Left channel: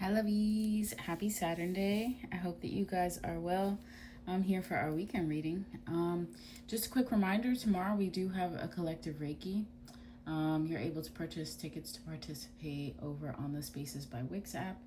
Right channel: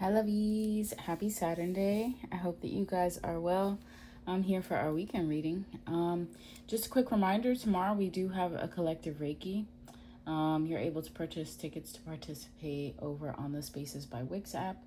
Hi lovies, happy Saturday. I hope that you guys are well. I'm here for our weekend reading. Just a quick reminder, tomorrow we do have a collective Reiki. You're able to purchase tickets to participate over on the Spaces by Wix app.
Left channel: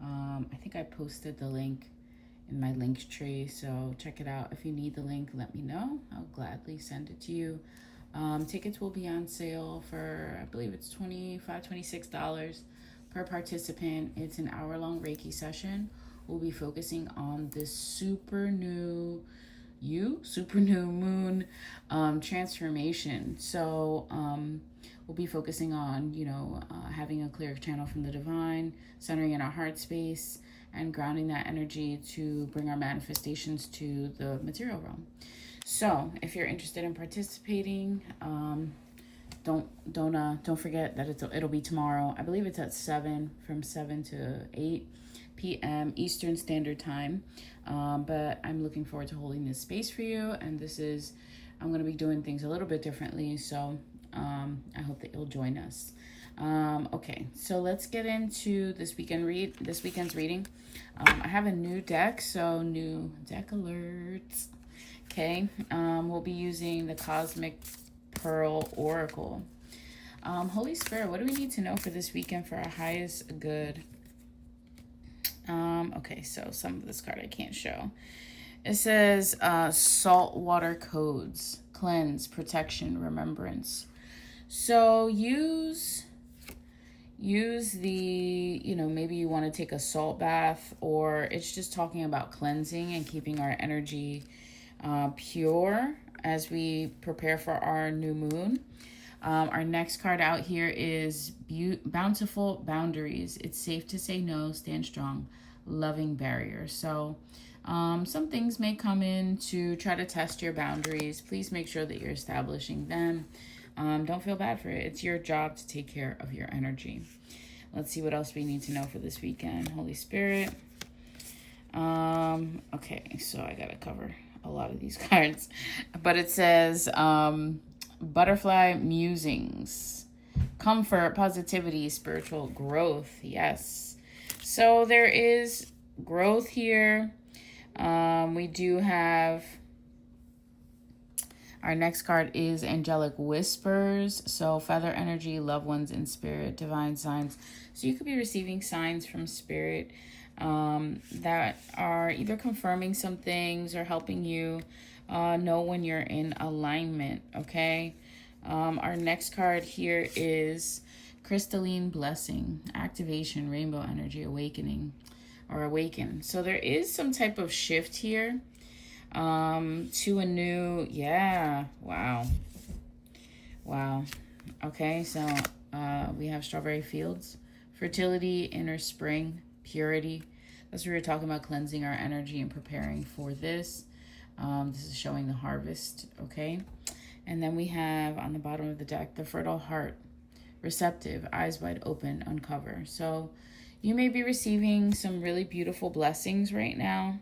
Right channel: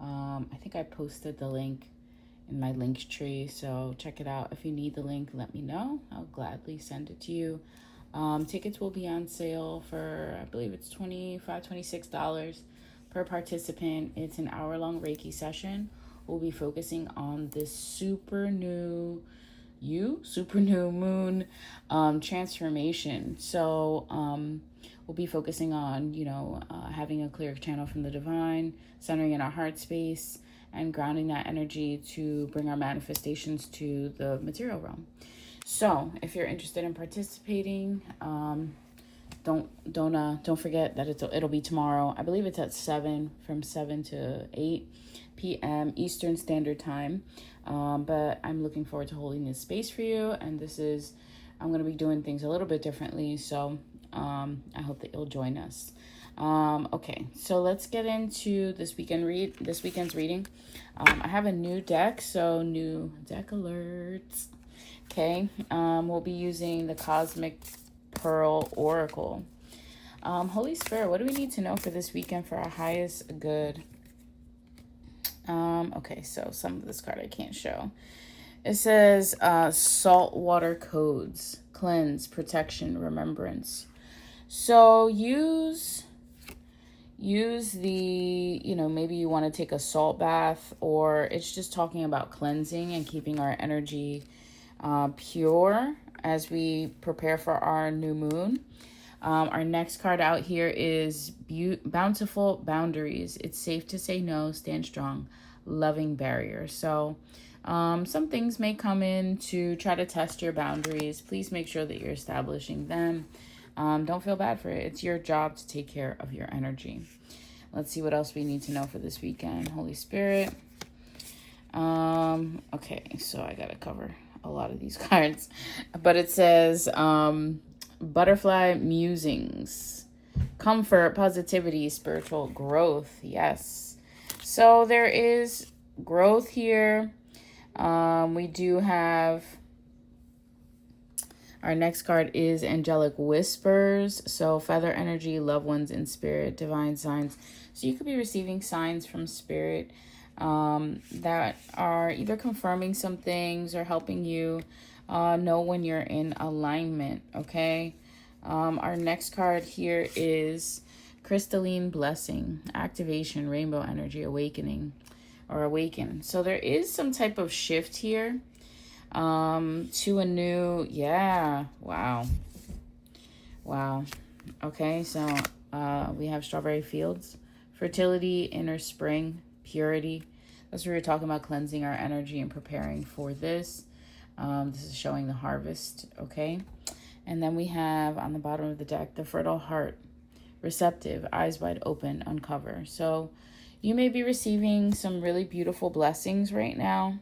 I think I posted the link in my link tree, so check it out. If you need the link, let me know. I'll gladly send it to you. Tickets will be on sale for, I believe it's $25, $26 per participant. It's an hour-long Reiki session. We'll be focusing on this super new moon transformation. So we'll be focusing on, having a clear channel from the divine, centering in our heart space, and grounding that energy to bring our manifestations to the material realm. So if you're interested in participating, don't forget that it'll be tomorrow. I believe it's at 7, from 7 to 8 p.m. Eastern Standard Time. But I'm looking forward to holding this space for you. And I'm going to be doing things a little bit differently. So I hope that you'll join us. Okay, so let's get into this weekend's reading. I have a new deck, so new deck alerts. Okay, we'll be using the Cosmic Pearl Oracle. Holy Spirit, what do we need to know for this weekend for our highest good? Okay, so some of this card I can't show. It says saltwater codes, cleanse, protection, remembrance. So use the, maybe you want to take a salt bath, or it's just talking about cleansing and keeping our energy pure as we prepare for our new moon. Our next card out here is Bountiful Boundaries. It's safe to say no, stand strong, loving barrier. So some things may come in to try to test your boundaries. Please make sure that you're establishing them. Don't feel bad for it. It's your job to take care of your energy. Let's see what else we need to know for this weekend. Holy Spirit. Okay, so I gotta cover a lot of these cards, but it says butterfly musings, comfort, positivity, spiritual growth. Yes, so there is growth here. We do have our next card is angelic whispers. So feather energy, loved ones in spirit, divine signs. So you could be receiving signs from spirit that are either confirming some things or helping you know when you're in alignment. Okay, our next card here is crystalline blessing, activation, rainbow energy, awakening, or awaken. So there is some type of shift here to a new, wow. Okay, so we have strawberry fields, fertility, inner spring, purity. That's what we were talking about, cleansing our energy and preparing for this. This is showing the harvest. Okay, and then we have on the bottom of the deck the fertile heart, receptive, eyes wide open, uncover. So you may be receiving some really beautiful blessings right now,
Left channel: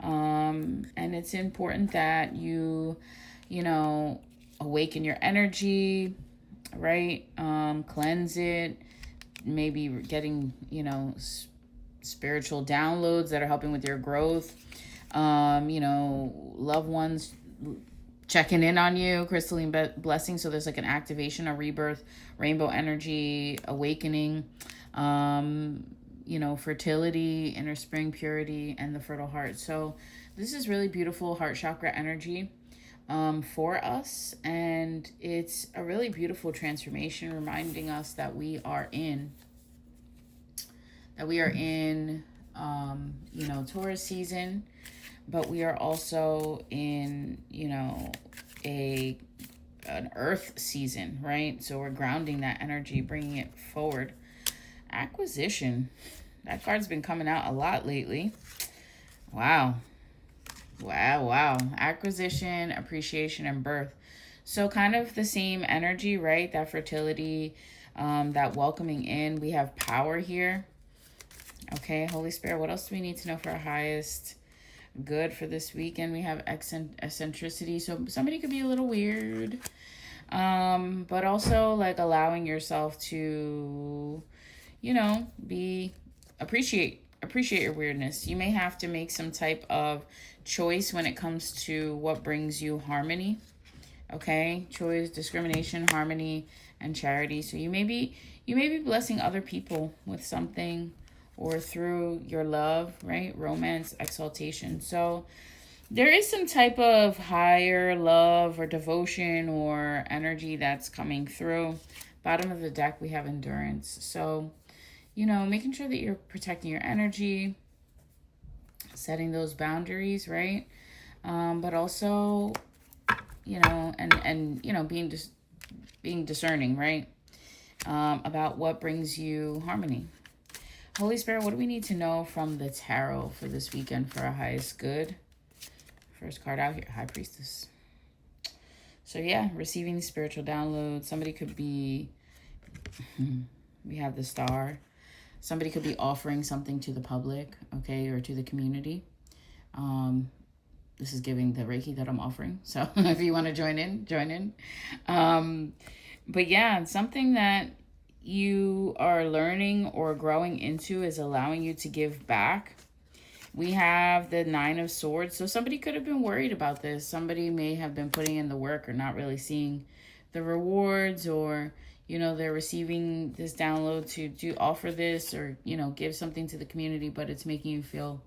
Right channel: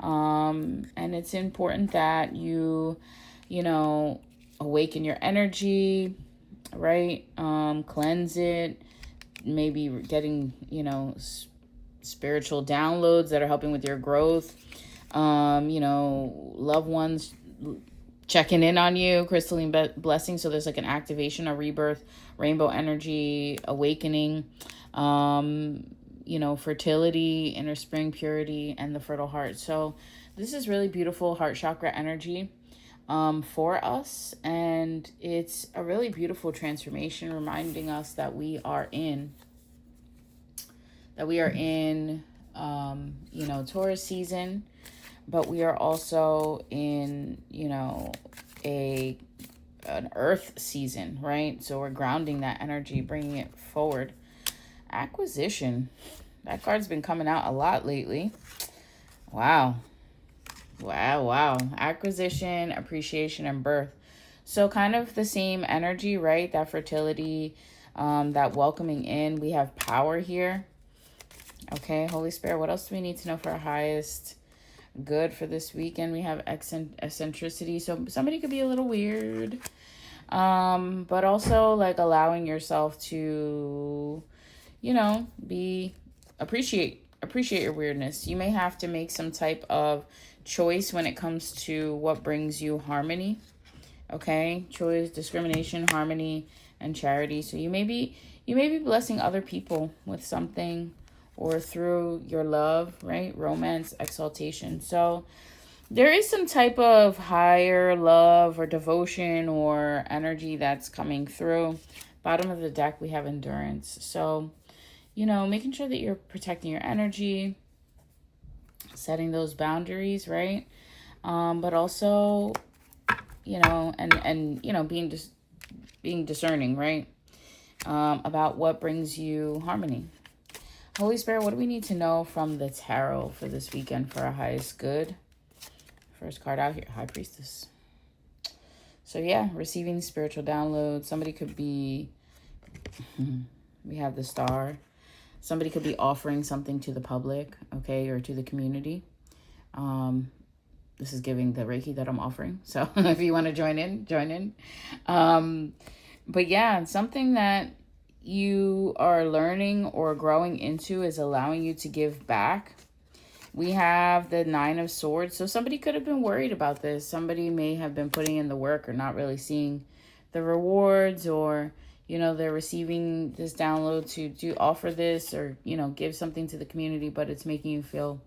and it's important that you awaken your energy, right? Cleanse it, maybe getting spiritual downloads that are helping with your growth. Loved ones checking in on you, crystalline blessing. So there's like an activation, a rebirth, rainbow energy, awakening, fertility, inner spring, purity, and the fertile heart. So this is really beautiful heart chakra energy for us, and it's a really beautiful transformation, reminding us that we are in Taurus season, but we are also in an earth season, right? So we're grounding that energy, bringing it forward. Acquisition, that card's been coming out a lot lately. Wow. Acquisition, appreciation, and birth. So kind of the same energy, right? That fertility, that welcoming in. We have power here. Okay, Holy Spirit, what else do we need to know for our highest good for this weekend? We have eccentricity. So somebody could be a little weird, but also like allowing yourself to be appreciate your weirdness. You may have to make some type of choice when it comes to what brings you harmony. Okay, choice, discrimination, harmony, and charity. So you may be blessing other people with something, or through your love, right? Romance, exaltation. So there is some type of higher love or devotion or energy that's coming through. Bottom of the deck, we have endurance. So, you know, making sure that you're protecting your energy, setting those boundaries, right? But also, you know, and you know, being discerning, right? About what brings you harmony. Holy Spirit, what do we need to know from the tarot for this weekend for our highest good? First card out here, High Priestess. So yeah, receiving spiritual downloads. Somebody could be, we have the Star. Somebody could be offering something to the public, okay, or to the community. This is giving the Reiki that I'm offering. So if you want to join in. But yeah, something that you are learning or growing into is allowing you to give back. We have the Nine of Swords. So somebody could have been worried about this. Somebody may have been putting in the work or not really seeing the rewards, or, you know, they're receiving this download to offer this, or, you know, give something to the community, but it's making you feel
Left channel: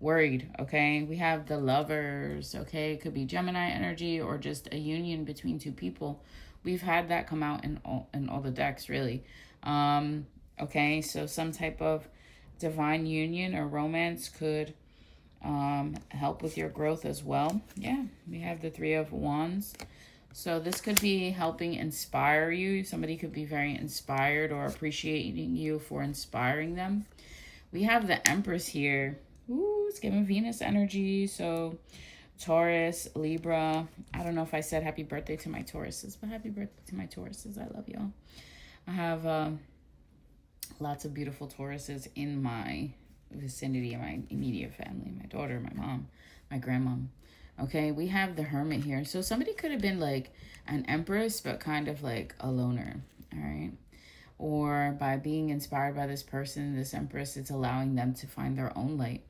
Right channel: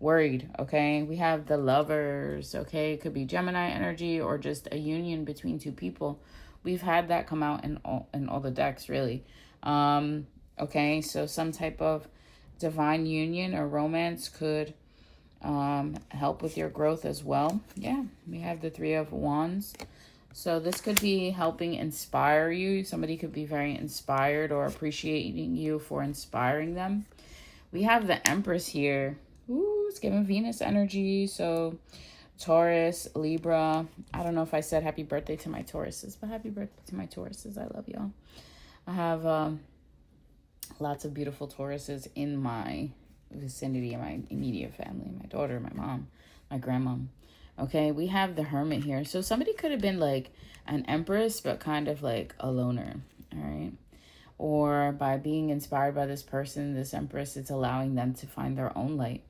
worried. Okay, we have the Lovers. Okay, it could be Gemini energy or just a union between two people. We've had that come out in all the decks, really. Okay, so some type of divine union or romance could help with your growth as well. Yeah, we have the Three of Wands. So this could be helping inspire you. Somebody could be very inspired or appreciating you for inspiring them. We have the Empress here. Ooh, it's giving Venus energy. So Taurus, Libra. I don't know if I said happy birthday to my Tauruses, but happy birthday to my Tauruses. I love y'all. I have lots of beautiful Tauruses in my vicinity, in my immediate family. My daughter, my mom, my grandmom. Okay, we have the Hermit here. So somebody could have been like an Empress, but kind of like a loner. All right. Or by being inspired by this person, this Empress, it's allowing them to find their own light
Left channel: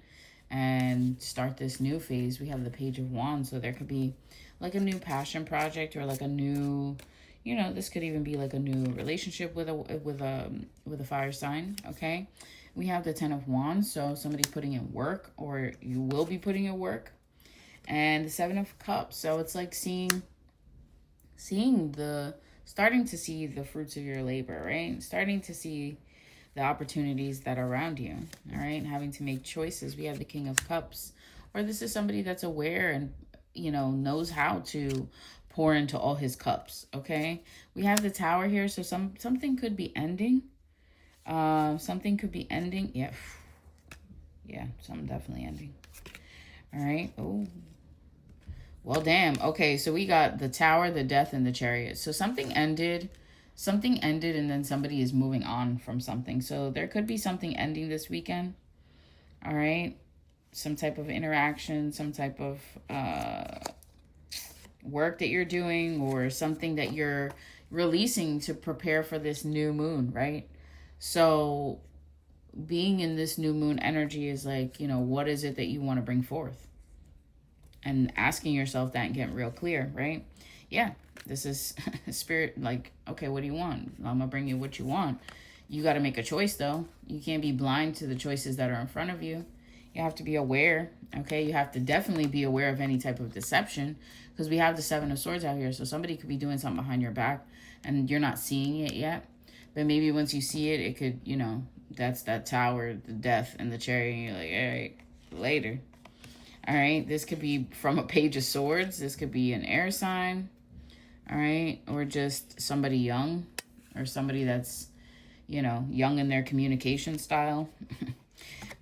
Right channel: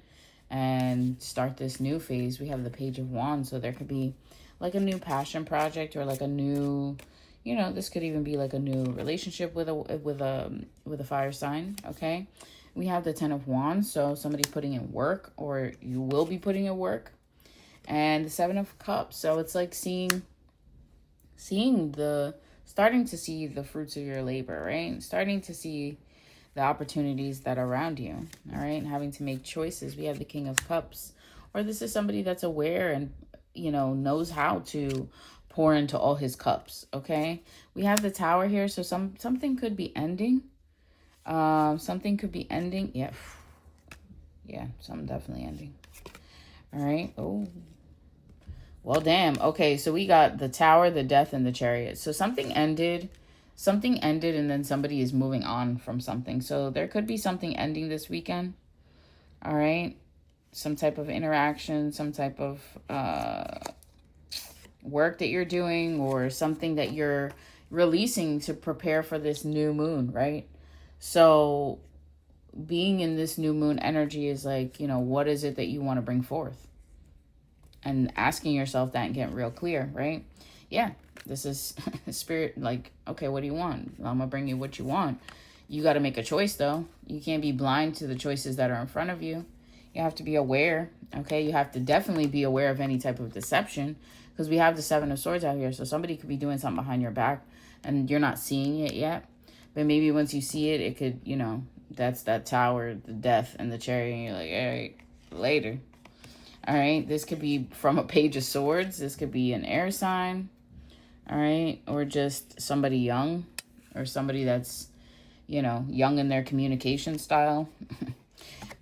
and start this new phase. We have the Page of Wands. So there could be like a new passion project, or like a new, you know, this could even be like a new relationship with a fire sign. Okay, we have the Ten of Wands. So somebody's putting in work, or you will be putting in work. And the Seven of Cups. So it's like starting to see the fruits of your labor, right? Starting to see the opportunities that are around you, all right? And having to make choices. We have the King of Cups. Or this is somebody that's aware and, you know, knows how to pour into all his cups, okay? We have the Tower here. So something could be ending. Something could be ending. Yeah. Yeah, something definitely ending. All right. Oh. Well, damn. Okay, so we got the Tower, the Death, and the Chariot. So something ended, and then somebody is moving on from something. So there could be something ending this weekend. All right. Some type of interaction, some type of work that you're doing, or something that you're releasing to prepare for this new moon, right? So being in this new moon energy is like, you know, what is it that you want to bring forth? And asking yourself that and getting real clear, right? Yeah, this is spirit, like, okay, what do you want? I'm gonna bring you what you want. You got to make a choice, though. You can't be blind to the choices that are in front of you. You have to be aware, okay? You have to definitely be aware of any type of deception, because we have the Seven of Swords out here. So somebody could be doing something behind your back and you're not seeing it yet. But maybe once you see it, it could, you know, that's that Tower, the Death, and the Chariot, and you're like, all right, later. All right, this could be from a Page of Swords. This could be an air sign, all right? Or just somebody young, or somebody that's, you know, young in their communication style.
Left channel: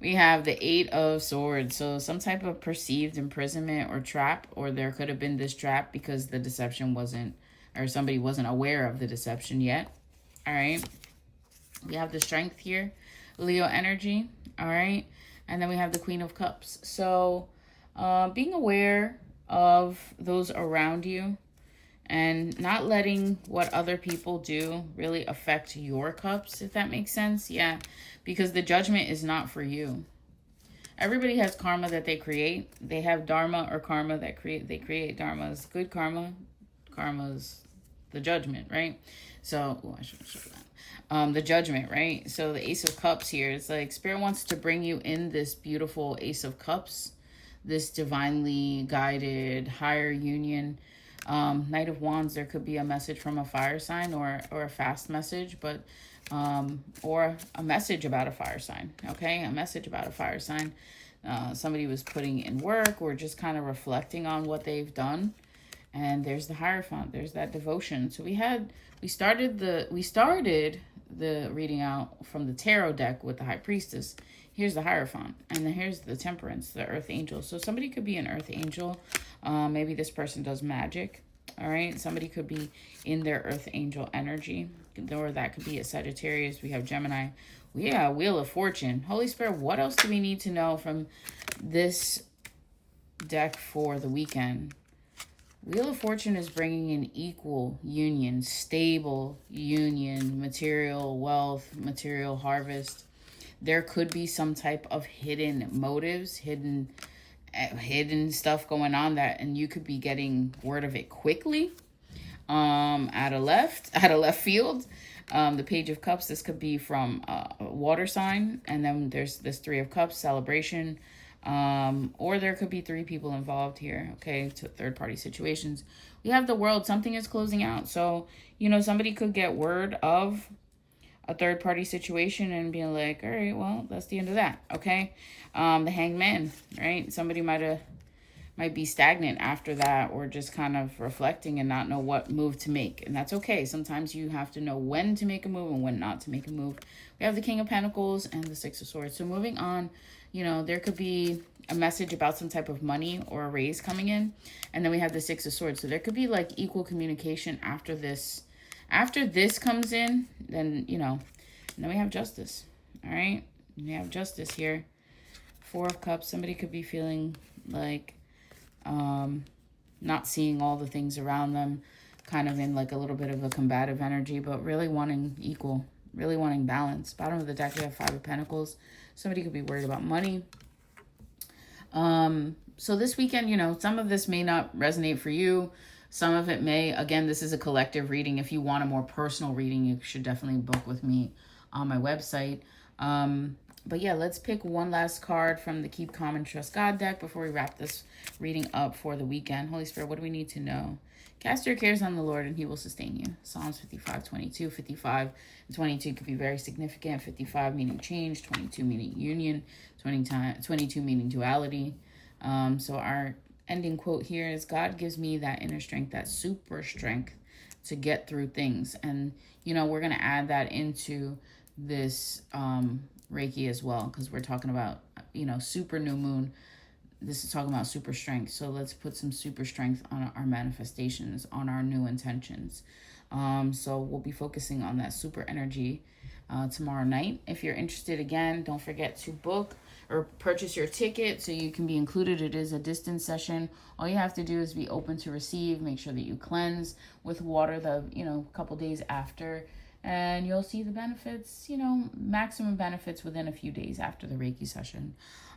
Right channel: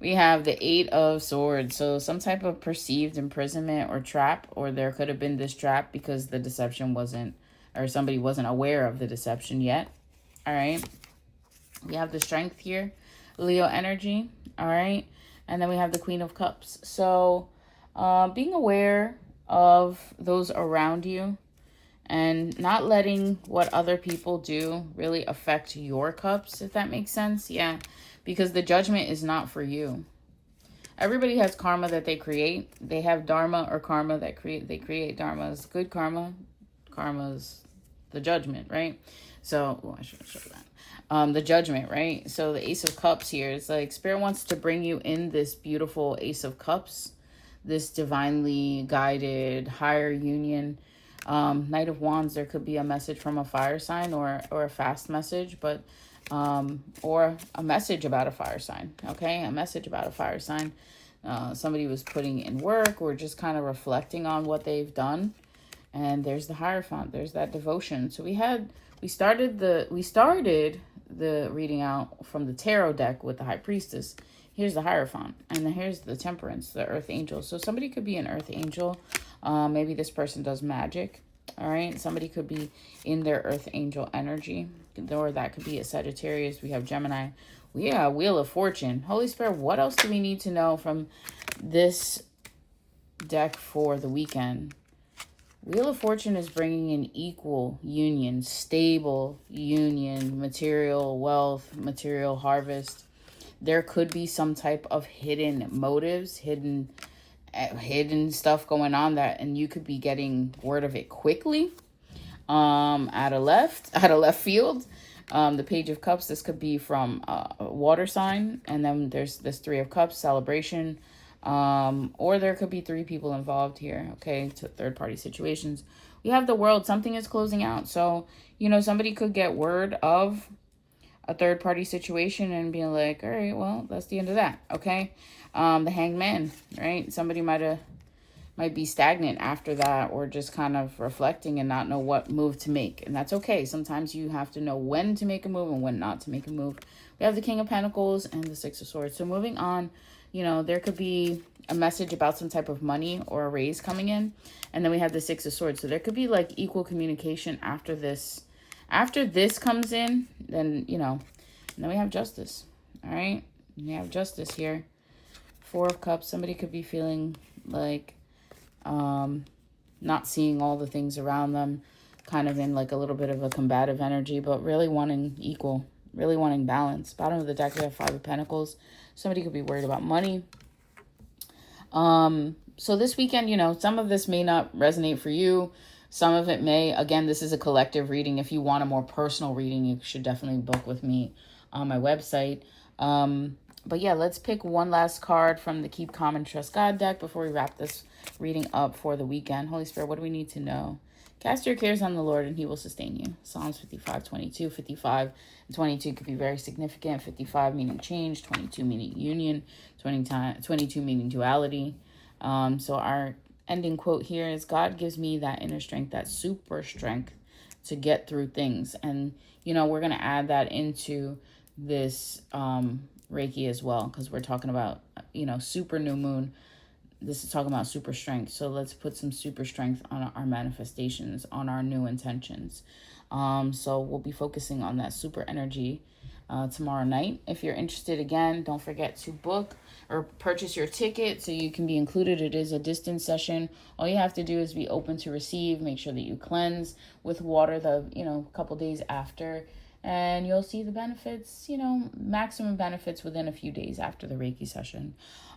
We have the Eight of Swords. So some type of perceived imprisonment or trap, or there could have been this trap because the deception wasn't, or somebody wasn't aware of the deception yet, all right? We have the Strength here, Leo energy, all right? And then we have the Queen of Cups. So being aware of those around you and not letting what other people do really affect your cups, if that makes sense. Yeah, because the judgment is not for you. Everybody has karma that they create. They have dharma or karma that they create. Dharma is good karma. Karma is the judgment, right? So, I should show that. The judgment, right? So the Ace of Cups here is like Spirit wants to bring you in this beautiful Ace of Cups, this divinely guided higher union. Knight of Wands, there could be a message from a fire sign or a fast message, but or a message about a fire sign, okay? A message about a fire sign. Somebody was putting in work or just kind of reflecting on what they've done. And there's the Hierophant. There's that devotion. So we started the reading out from the tarot deck with the High Priestess. Here's the Hierophant. And then here's the Temperance, the Earth Angel. So somebody could be an Earth Angel. Maybe this person does magic. All right. Somebody could be in their Earth Angel energy. Or that could be a Sagittarius. We have Gemini. We have Wheel of Fortune. Holy Spirit, what else do we need to know from this deck for the weekend? Wheel of Fortune is bringing an equal union, stable union, material wealth, material harvest. There could be some type of hidden motives, hidden stuff going on and you could be getting word of it quickly. Out of left field. The Page of Cups, this could be from a water sign, and then there's this Three of Cups, celebration. Or there could be three people involved here, okay, to third-party situations. We have the World, something is closing out. So, you know, somebody could get word of a third-party situation and be like, all right, well, that's the end of that, okay? The Hanged Man, right? Somebody might be stagnant after that, or just kind of reflecting and not know what move to make. And that's okay. Sometimes you have to know when to make a move and when not to make a move. We have the King of Pentacles and the Six of Swords. So moving on, you know, there could be a message about some type of money or a raise coming in. And then we have the Six of Swords. So there could be like equal communication after this. After this comes in, then, you know, and then we have Justice. All right. We have Justice here. Four of Cups. Somebody could be feeling like not seeing all the things around them, kind of in like a little bit of a combative energy, but really wanting equal, really wanting balance. Bottom of the deck, we have Five of Pentacles. Somebody could be worried about money. So this weekend, you know, some of this may not resonate for you. Some of it may. Again, this is a collective reading. If you want a more personal reading, you should definitely book with me on my website. But yeah, let's pick one last card from the Keep Calm and Trust God deck before we wrap this reading up for the weekend. Holy Spirit, what do we need to know? Cast your cares on the Lord and he will sustain you. Psalms 55:22. 55 and 22 could be very significant. 55 meaning change, 22 meaning union, 22 meaning duality. So our ending quote here is, God gives me that inner strength, that super strength to get through things. And, you know, we're going to add that into this Reiki as well, because we're talking about, you know, super new moon. This is talking about super strength. So let's put some super strength on our manifestations, on our new intentions. So we'll be focusing on that super energy tomorrow night. If you're interested, again, don't forget to book or purchase your ticket so you can be included. It is a distance session. All you have to do is be open to receive. Make sure that you cleanse with water a couple days after. And you'll see the benefits, you know, maximum benefits within a few days after the Reiki session.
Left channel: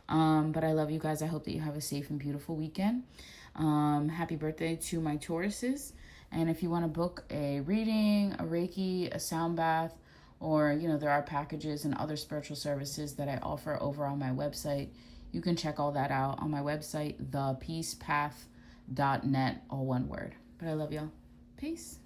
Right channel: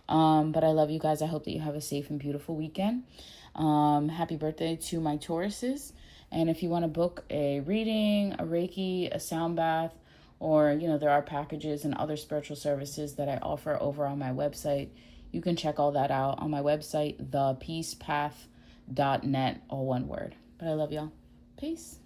But I love you guys. I hope that you have a safe and beautiful weekend. Happy birthday to my Tauruses. And if you want to book a reading, a Reiki, a sound bath, or, you know, there are packages and other spiritual services that I offer over on my website. You can check all that out on my website, thepeacepath.net, all one word. But I love y'all. Peace.